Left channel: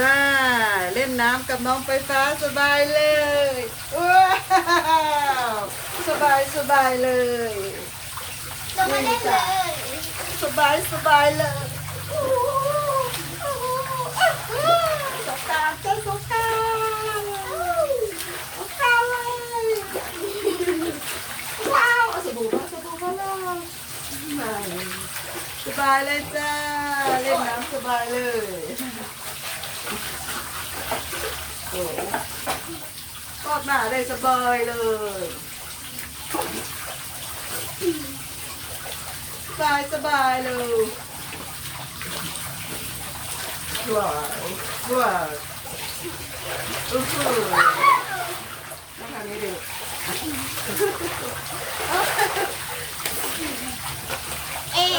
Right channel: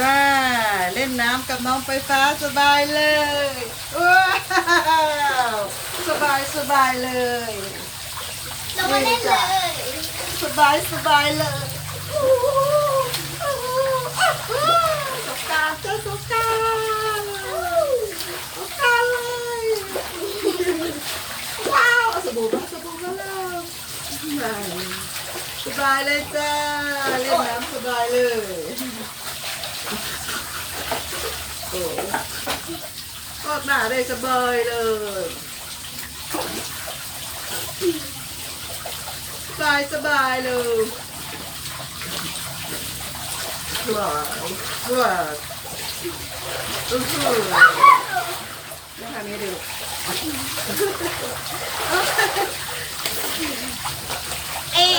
ว้าเล่นน้ำกับน้องไฟฟ้าสบายเลยว้าวสบายสบายเลยเรามาเล่นเลย สบายสบายเลยโอ้โหโอ้โหโอ้โหสงกรารเจ้าสงกรารสงการเลยว้าวเอาสบู่มาสบู่มาแล้วไม่สบายเลยจ้าเล่นน้ำสบายเลย โอ้กอดหน้าได้สบายเลยสบายสบายเลยว้าวว้าวอื้อหือต้องทำให้ดูเอ๊ะ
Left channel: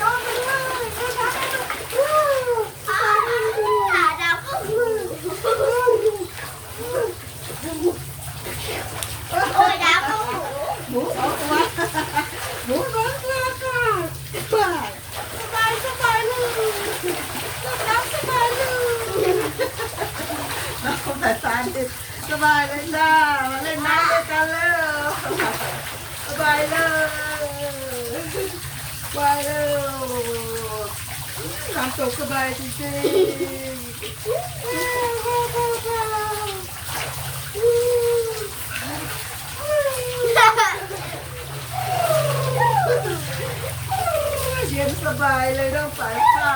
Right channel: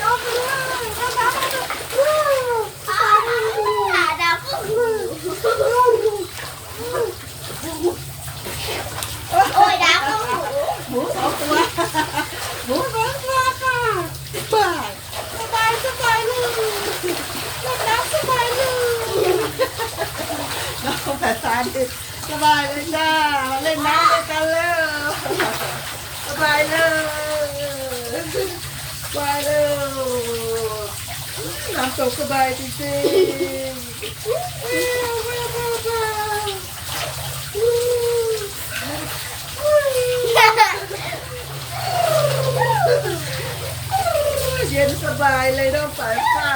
น้องด้วยน้องทำให้ดูว้าว อ่าดาวก็คือ โอ้ยดาวก็หูหมูสองตัวหมูสองตัวค่ะบายสบายสบายเลยเล่นน้ำสบายเลยน้องภาษาดิสบายเลยจ้ามาเล่นน้ำด้วยกันแล้วสบายเลยสบายเลยน้ำตกสบายจริงๆ เย็นสบายเลยน้องสายฟ้า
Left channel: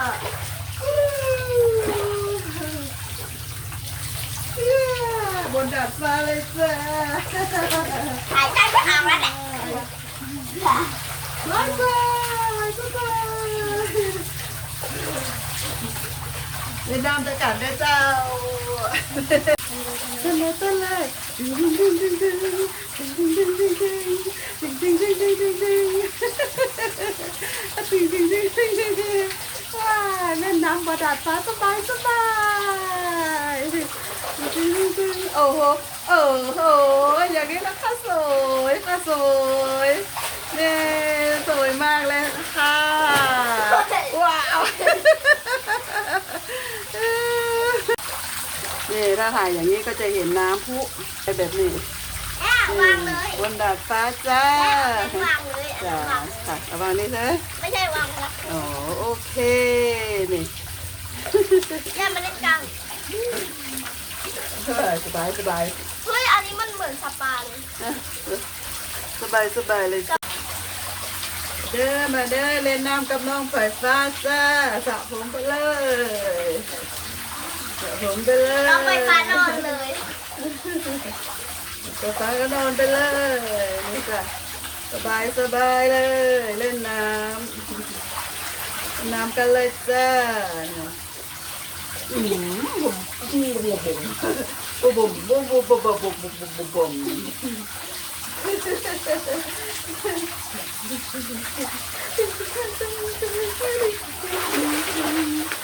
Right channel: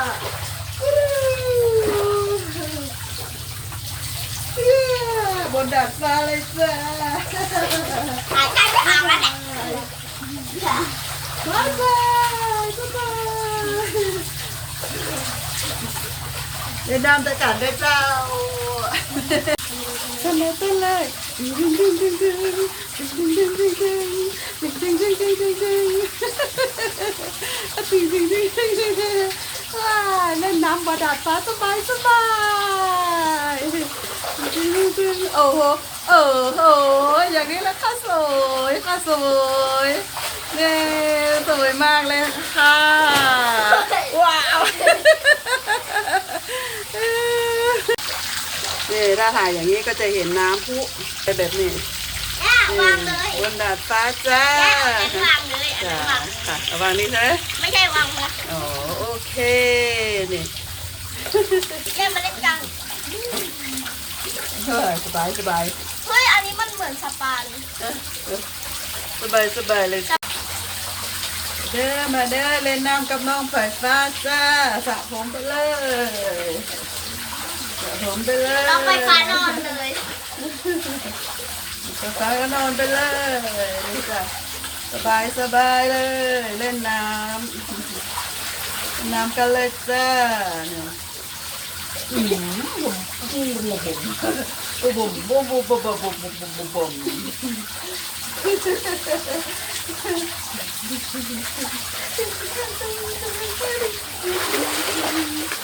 บนดาดฟ้าเลยจ้าหายใจจะอาบแล้วแหละบายบายบายเล่นน้ำตะกันได้เจ้า เต้นเลยดึงดึงดึงดึงดึงดึงดึงดึงดึงดึงดึงดึงดึงฮ่าฮ่าฮ่าฮ่เต้นเลยเล่นน้ำบาดาลฟ้าสบายสบายดึงดึงดึงโอ้โหโอ้โหอย่างนี้ละค่ะสวยค่ะสวยเนี่ยสวยมากเลยค่ะ นี่ถ้าถ่ายอย่างนี้ก็จะเห็นน้ำพุไปแบบนี้แม่วางเลยบนดาดฟ้าจ้าแม่เอาเป็นวางเลยอันจ้านั้นวางค่ะระวังนี่ใช่ไหมไม่ใช่วางนะอ๋อโอเคนี่ แม่มาเล่นกันเออสบายสบายเฮ้ยอันนี้มันเหมือนสปาเลยสบายสบายเลยจ้าเด้อมาเด้อเล่นน้ำกับน้องไฟฟ้าจ้าสระผมไปเลย สระผมไปเลยเราไฟฟ้านอนเลยไฟฟ้าก็นอนไปเลยนี่จ้ะสบายสบายเลย เล่นน้ำน้ำกันเลยจ้าเนี่ยอืมบุ๋มบุ๋มบุ๋มบุ๋มบุ๋มบุ๋มบุ๋มบุ๋มบุ๋มบุ๋มบุ๋มบุ๋มบุ๋ม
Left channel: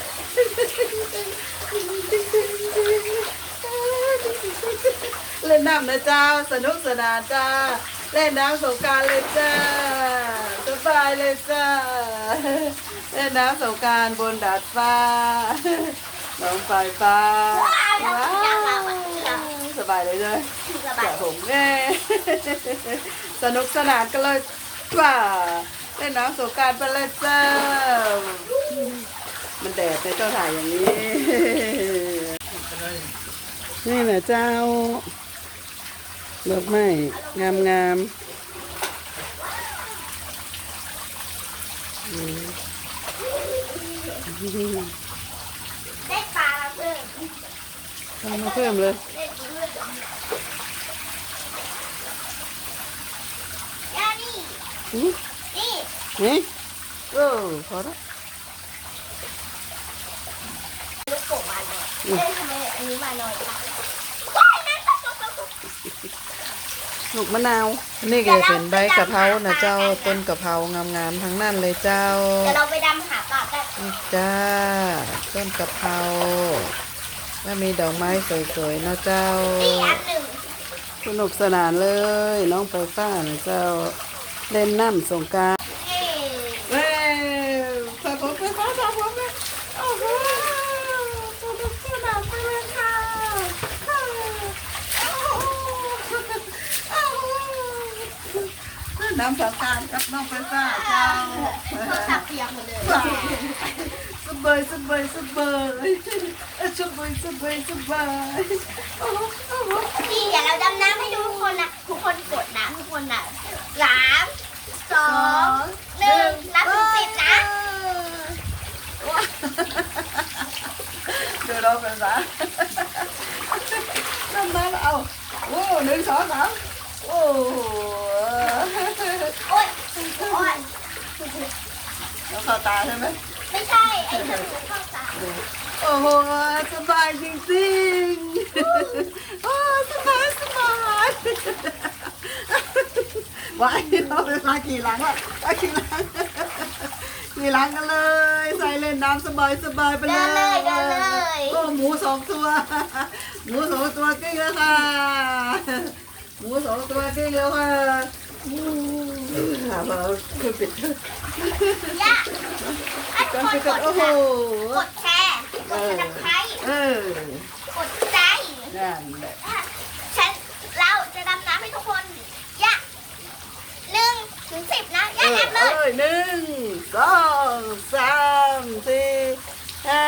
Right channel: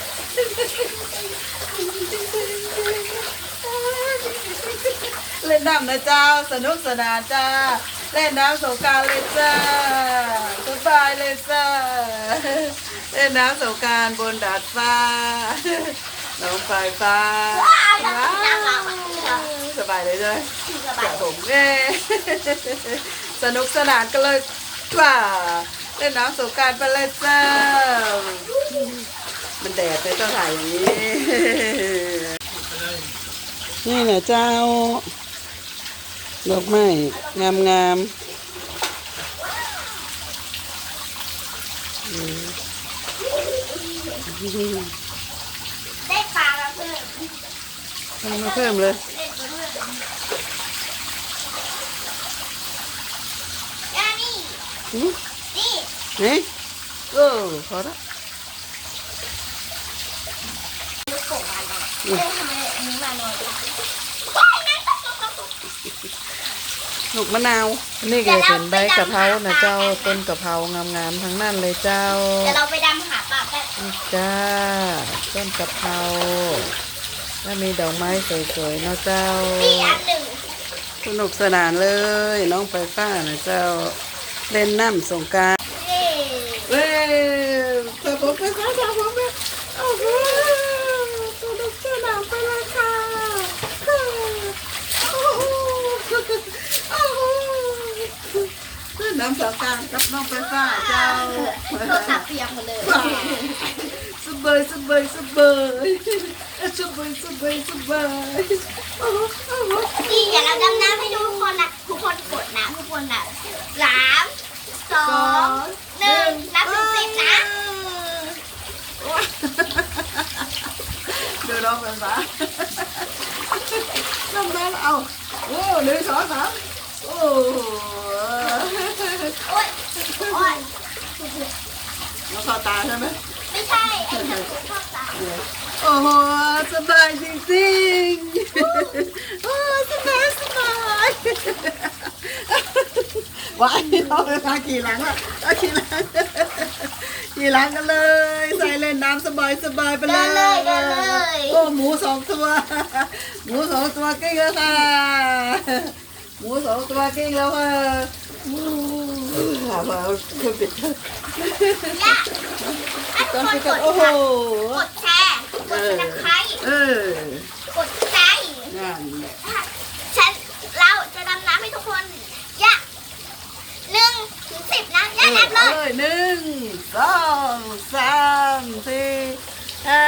เล่นน้ำนะจ้าสนุกสนานจ้าเล่นน้ำสงการเลยจ้าสบายเลยจ้าเล่นน้ำสงการบนดาดฟ้าน้องไฟฟ้าสบายเลยใช่ไหมที่ระบายผมแน่สนุกสนานกันเลยจ้าเล่นน้ำสงการไปเลยจ้า มันแดดเลยต้องถ่ายอย่างนี้ นี่แหละเจ้า ดอกไม้งามงามๆอืมได้ปลาเราเพิ่มเอามาเพิ่มเลยเล่นเพิ่มย่านี่อืมนี่นี่โอ้พอละลูกโป่งมาหน่อย เอ๊ะทำไมอันนี้มาหน่อยล่ะว้ายนั่นก็ตกตกลูกมะนาวนี่ก็จะเป็นใบกะเพรานะเจ้าต้นกะเพรางามๆทั้งนั้นเลยเจ้า เดี๋ยวเราไปดำหาปลากันนี่จ้า ต้นกะเพราแล้วมีดอกไม้สวยๆเนาะเจ้า นี่อันหนึ่งสนุกสนานเลย น้องไปฟ้านะเจ้า เล่นน้ำสงกราร นี่ เว้ยสนุกสนานสนุกสนานโอ้โหสนุกสนา น้ำสงการกับน้องไฟฟ้าเจ้าโทรศัพท์เปียกหมดเลยสบายสบายสบายสบายสบายสบายโอ้โหโอ้โหนี่เดี๋ยวเราดำน้ำให้ดูทุกคนนะทุกคนกดนะทุกคนนะสามสองหนึ่งนับถึงสิบนะเดี๋ยวเราไปซะน้ำน้ำเอาโอ้หนึ่งสองสามโอ้ โอ๊ยโอ๊ยแล้วเข้าตาใช่ไหมไม่ใช่ ไอ้กระสุนเข้าตาโอ้โหสบายจริงๆโอ้สบายสบายว้ายเราไปมากี่หลังละเอากี่หลังกี่หลังกันเลย ใส่เล่นน้ำสบายสบายไปเลยเดินเลยเดินเลย โอ้หมูสองตัว หมูสองตัวก่งแล้วค่ะ หมูสองตัวก่งแล้วค่ะ หามาเครื่องปิดย่าถ้าเคทุรื่กองคนปิดกกันดโอ้โหกดแชร์กดซับสไครต์เออกดใจนั่นแหละฉันเราจะดำน้ำให้ทุกคนย่าหนึ่งถึงสิบนะเอย่าอนับเลเอายเลยหนึ่งสองสามสี่ห้า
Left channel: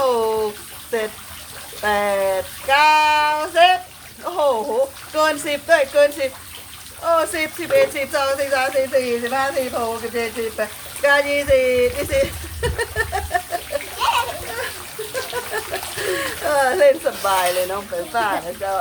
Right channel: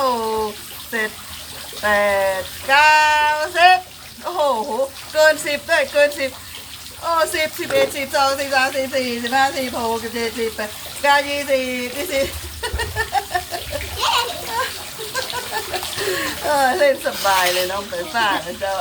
หกเจ็ดแปดเก้าสิบโอ้โห เกินสิบด้วยเกินสิบ โอ้สิบสิบเอ็ดสิบสองสิบสามสิบสี่สิบห้าสิบหกสิบเจ็ดสิบแปดเก้ายี่สิบยี่สิบเออเล่นสบายเลยน้องไปฟ้านะเจ้า